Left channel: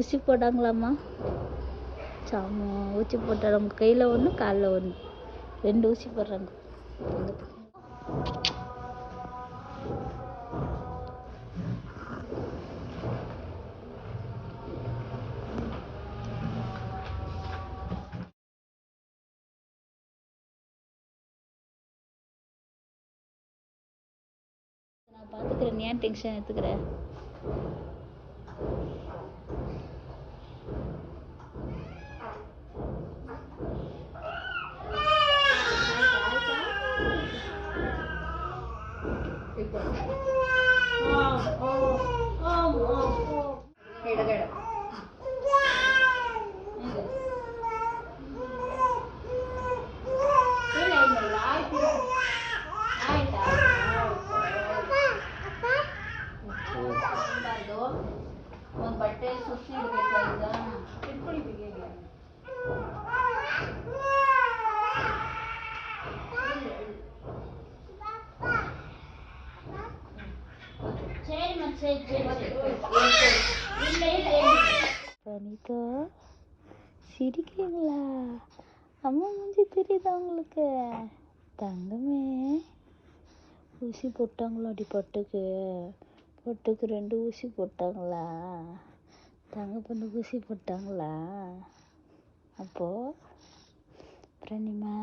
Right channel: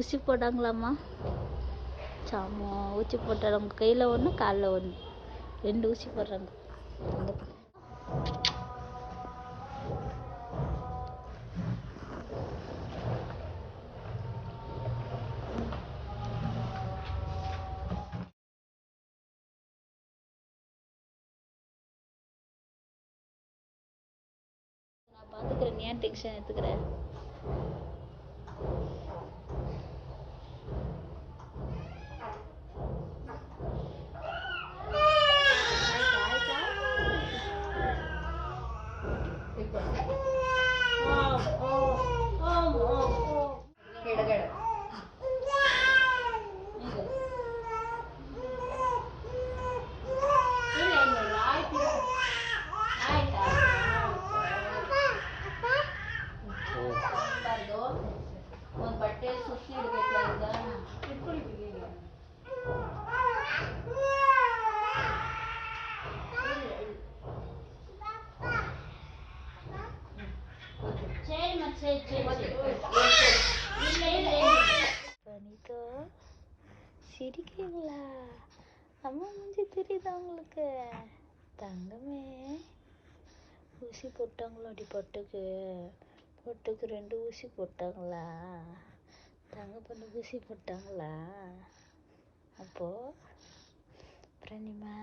ஊசி போட்டாங்களாம்மா? சாமா ஊசி போட்டாங்க. உங்கள் கையில் ஒன்று காலில் ஒன்று 2 ஊசி போடுறாங்க. நான் பார்த்துக்கிறேன், ஏன் டென்ஷன் எடுத்துக்கிறேன்? ಬಟ್ಟೆ ಸುತ್ತಿ ಇಡಬೇಕಾದ வனிதா, சிரிக்கிறீங்களா? அம்மா மூஞ்சி தெரியுதா உங்களுக்கு? தங்கமே, ஊசி போட்டாங்களாடி பொட்டுக்கு? பொட்டுக்கு 2 ஊசி போட்டாங்களா? தங்க பொண்ணு ஊசி போட்டாங்களா? அப்போ பிரணிமா